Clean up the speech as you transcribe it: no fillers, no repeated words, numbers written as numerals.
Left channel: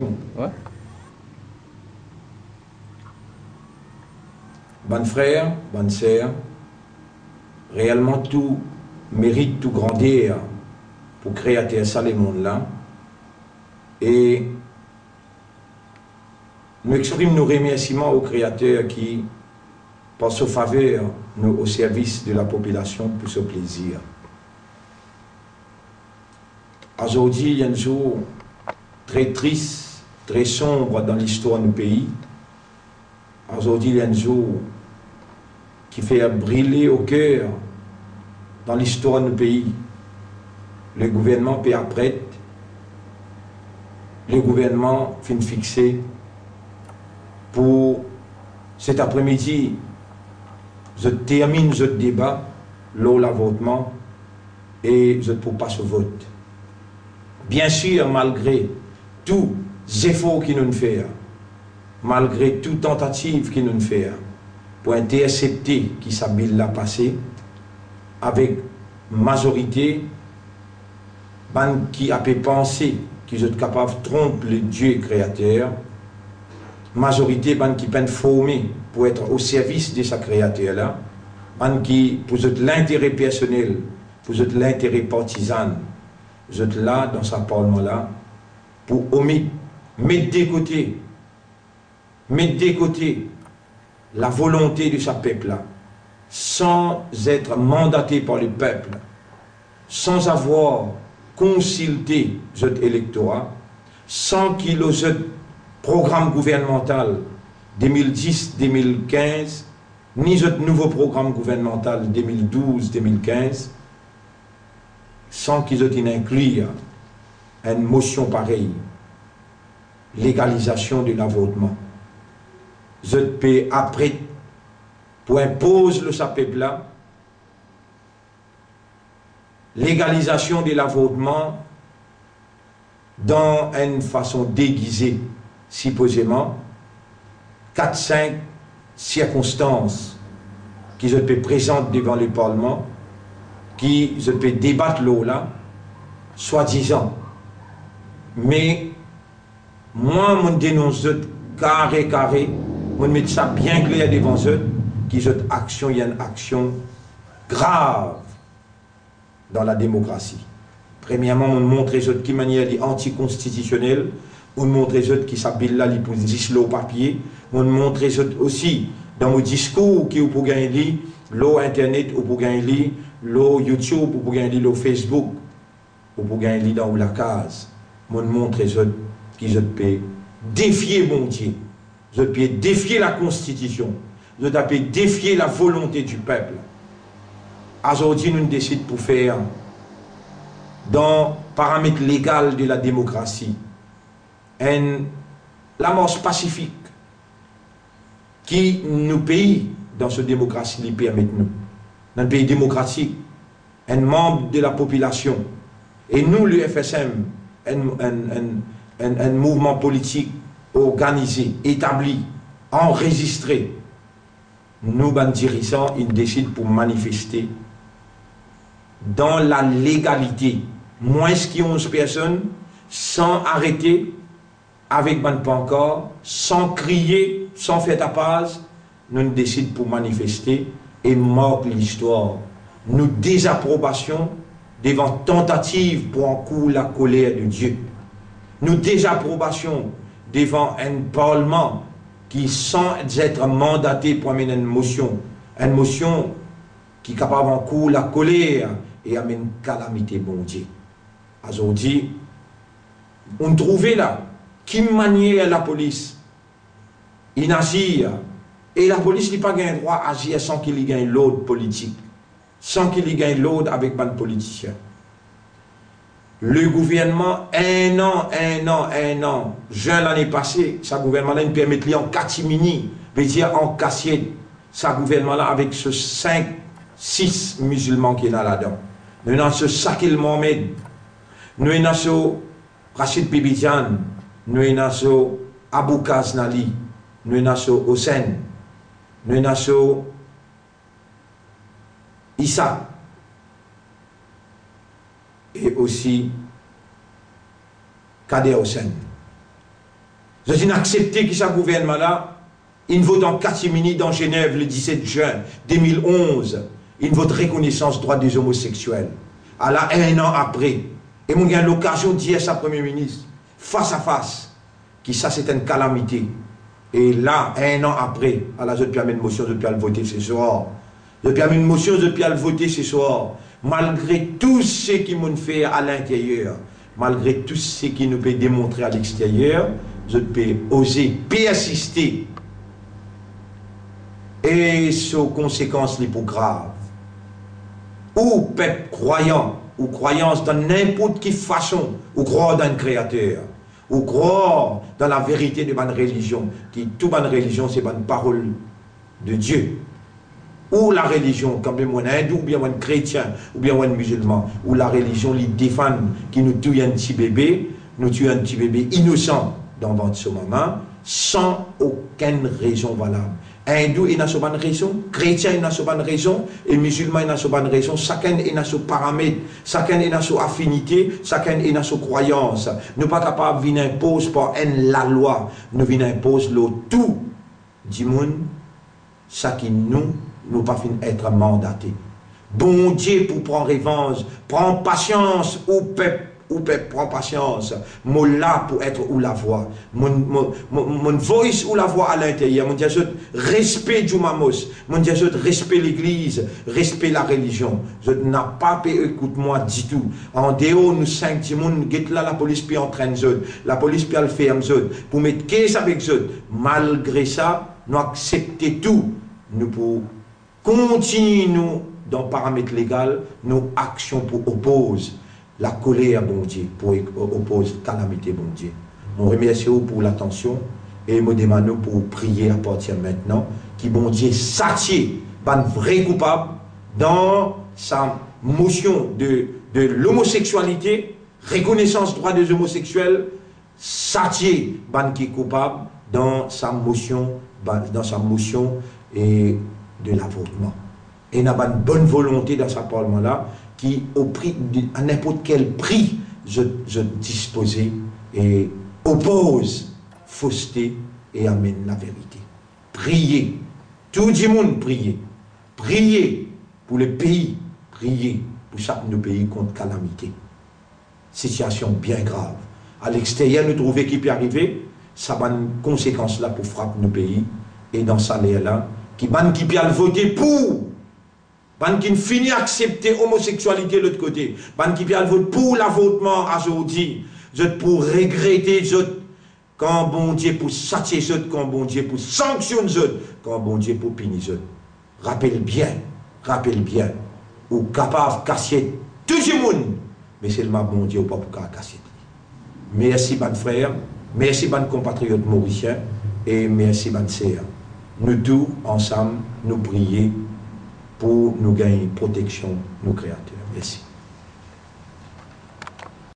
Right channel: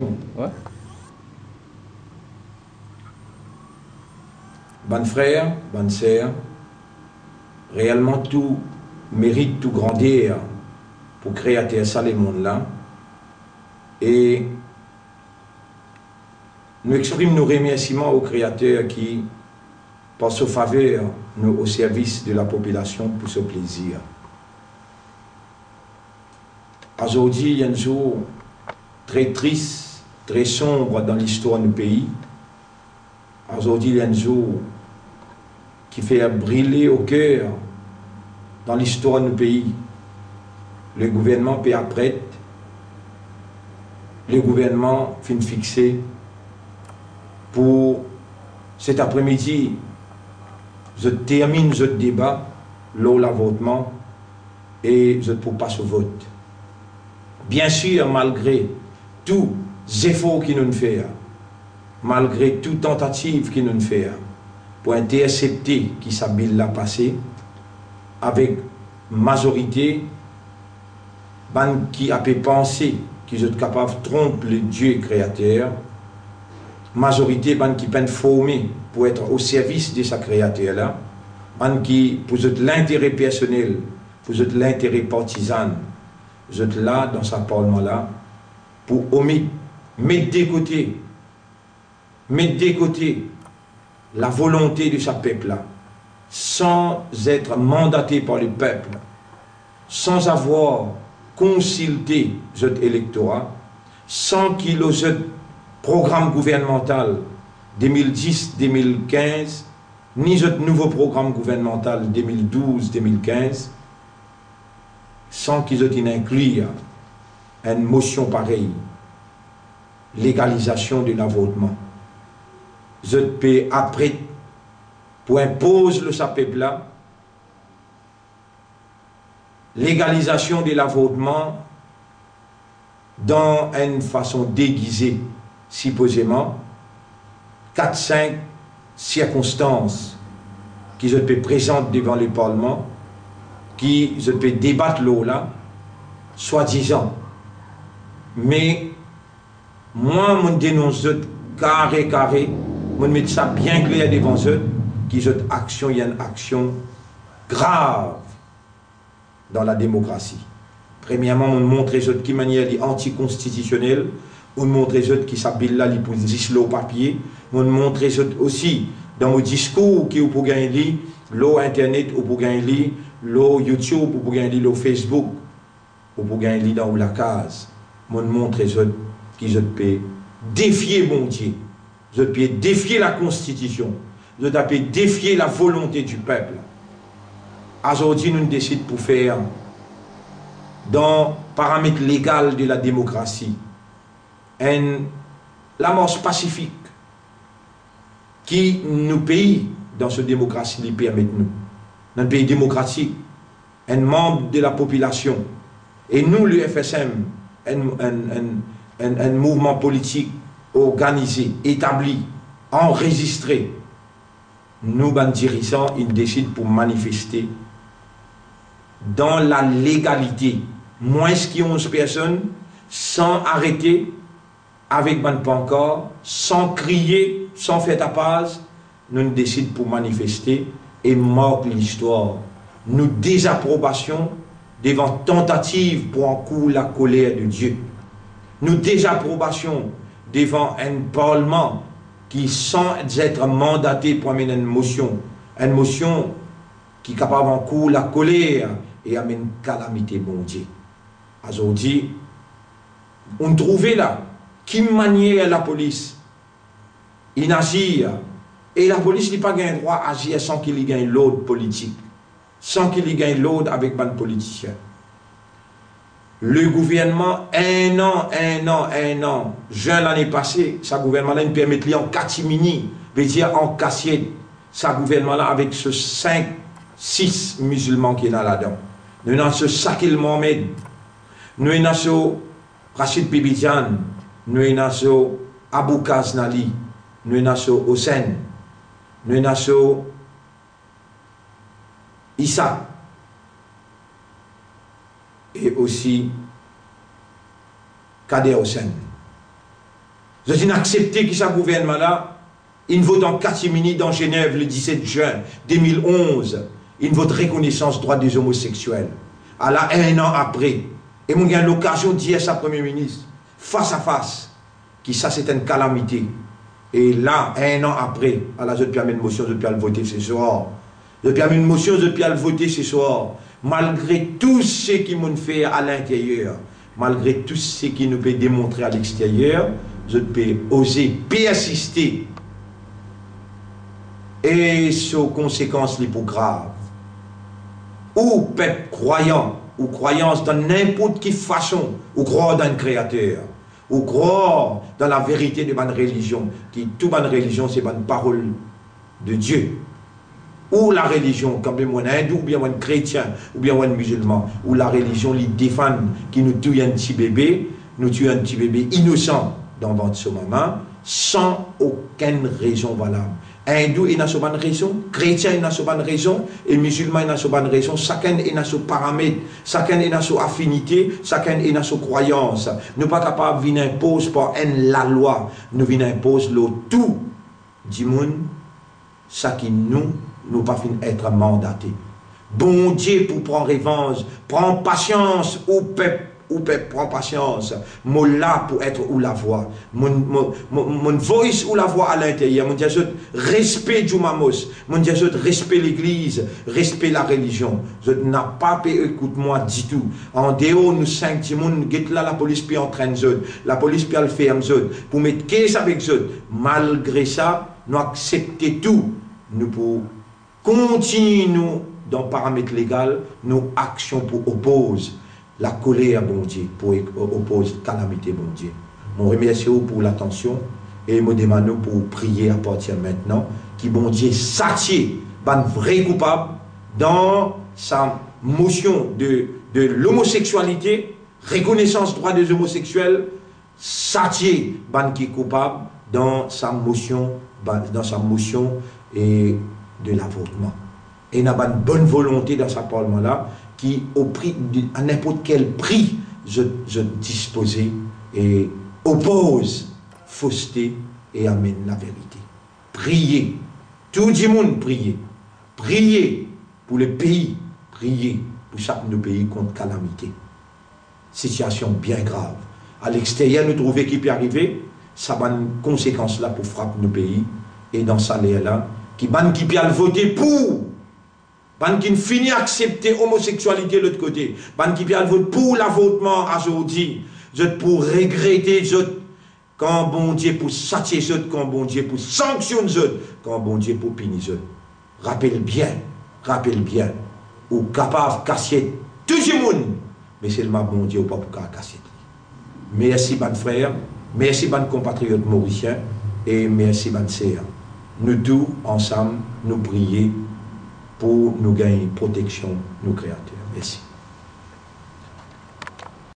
Ouais. Bonne frère, bonne sœur, réellement tout mérite tout grandir pour créer ça le monde là. Et nous exprimons nos remerciements au Créateur qui, par sa faveur, nous au service de la population pour ce plaisir. Aujourd'hui, il y a un jour très triste, très sombre dans l'histoire du pays. Aujourd'hui, il y a un jour qui fait brûler au cœur dans l'histoire du pays. Le gouvernement peut après, le gouvernement fin fixé pour cet après-midi. Je termine ce débat, lors la votement, et je ne peux pas ce vote. Bien sûr, malgré tous les efforts qu'ils nous font, malgré toute tentative qu'ils nous font, pour intercepter qui s'habille la passé, avec majorité, ban qui a pu penser qu'ils sont capables de tromper le Dieu créateur, majorité ban qui peine formé pour être au service de sa créateur là, ban qui pour l'intérêt personnel, pour l'intérêt partisan, vous êtes là dans ce parlement là pour mettre de côté la volonté de ce peuple là, sans être mandaté par le peuple, sans avoir consulté cet électorat, sans qu'il ait ce programme gouvernemental 2010-2015, ni ce nouveau programme gouvernemental 2012-2015, sans qu'ils aient inclus une motion pareille, légalisation de l'avortement. Je peux après, pour imposer le peuple là, légalisation de l'avortement dans une façon déguisée, supposément, 4-5 circonstances qui se peut présenter devant le Parlement, qui se peut débattre l'eau là, soi-disant. Mais moi, je dénonce carré, je mets ça bien clair devant eux, qui cette action, il y a une action grave dans la démocratie. Premièrement, on montre de qui manière anticonstitutionnelle, on montre qui s'habille là, pour dire au papier, on montre aussi dans mon discours qui pour gagner l'eau internet ou pour gagner l'eau YouTube ou pour gagner l'eau Facebook ou pour gagner dans la case. On montre qui je peux défier mon Dieu, je peux défier la Constitution, je peux défier la volonté du peuple. Aujourd'hui, nous décidons pour faire dans le paramètre légal de la démocratie l'amorce pacifique qui nous pays dans cette démocratie les permet nous. Dans le pays démocratique, un membre de la population, et nous, le FSM, un mouvement politique organisé, établi, enregistré, nous, les dirigeants, ils décident pour manifester dans la légalité, moins que 11 personnes, sans arrêter, avec ban pancarte, sans crier, sans faire tapage, nous décidons pour manifester et marque l'histoire. Nous désapprobation devant tentative pour encourir la colère de Dieu. Nous désapprobation devant un parlement qui, sans être mandaté pour amener une motion qui est capable d'encourir la colère et amener une calamité, bon Dieu. Aujourd'hui, on trouvait là, qui maniait la police, il agit, et la police n'a pas le droit d'agir sans qu'il y gagne l'ordre politique, sans qu'il y gagne l'ordre avec les politiciens. Le gouvernement, un an, juin l'année passée, ce gouvernement-là nous permet de en catimini, veut dire en cassiette, ce gouvernement-là avec ce 5-6 musulmans qui est là-dedans. Nous avons ce Sakil Mohamed, nous avons ce Rachid Bibidian, nous avons ce Abou Kaznali, nous avons ce Hossein, nous avons ce Issa, et aussi Kader Hossein. Vous avez accepté que ça gouvernement là, il vote en catimini dans Genève le 17 juin 2011, il vote reconnaissance droit des homosexuels. À là, un an après, et mon gars a l'occasion de dire à sa Premier ministre, face à face, que ça c'est une calamité. Et là, un an après, à la je peux amener une motion, je peux le voter ce soir. Je peux amener une motion, je peux le voter ce soir. Malgré tout ce qui m'ont fait à l'intérieur, malgré tout ce qui nous peut démontrer à l'extérieur, je peux oser persister. Et sur conséquences les plus graves. Ou peuple croyant, ou croyance dans n'importe quelle façon, ou croire dans un créateur, ou croire dans la vérité de ma religion, qui toute ma religion c'est une parole de Dieu. Ou la religion, comme moi hindou, ou bien moi chrétien, ou bien moi musulman, ou la religion les défend qui nous tue un petit bébé, nous tue un petit bébé innocent dans votre maman, sans aucune raison valable. Hindou il a sa bonne raison, chrétien il a sa bonne raison, et musulman il a sa bonne raison, chacun il a son paramètre, chacun il a son affinité, chacun il a sa croyance. Nous ne sommes pas capables de venir imposer par la loi, nous venons imposer le tout du monde, ça qui nous pas fin être mandatés. Bon Dieu pour prendre revanche, prends patience ou peuple prend patience. Moi là pour être ou la voix. Mon voice ou la voix à l'intérieur. Mon Dieu, respect du mamos. Mon Dieu, respect l'église, respect la religion. Je n'ai pas pu écoute-moi du tout. En dehors, nous 5 personnes, nous là la police puis entraîne eux. La police puis elle fait eux. Pour mettre qu'est-ce avec eux. Malgré ça, nous acceptons tout. Nous pour continuer dans le paramètre légal, nos actions pour opposer la colère, bon Dieu, pour opposer la calamité, bon Dieu. Je remercie pour l'attention et je demande pour prier à partir de maintenant, qui bon Dieu s'attire, un vrai coupable dans sa motion de l'homosexualité, reconnaissance droit des homosexuels, s'attire, ban qui est coupable dans sa motion et de l'avortement. Et il y a une bonne volonté dans ce parlement-là qui, au prix à n'importe quel prix, je disposais et oppose fausseté et amène la vérité. Priez, tout le monde priez. Priez pour le pays, priez pour chaque de nos pays contre calamité. Situation bien grave. À l'extérieur, nous trouvons qui peut arriver, ça a une conséquence là pour frapper nos pays et dans ça là qui peut voter pour. Ban qui finit accepter l'homosexualité de l'autre côté. Ban qui peut voter pour l'avortement aujourd'hui. Pour regretter quand bon Dieu pour satisfaire quand bon Dieu pour sanctionner quand bon Dieu pour punir. Rappelle bien, ou capable de casser tout le monde. Mais c'est le bon Dieu ou pas pour casser. Merci, ban frère. Merci, ban compatriotes mauriciens. Et merci, ban sœurs. Nous tous, ensemble, nous prions pour nous gagner protection, nos créateurs. Merci.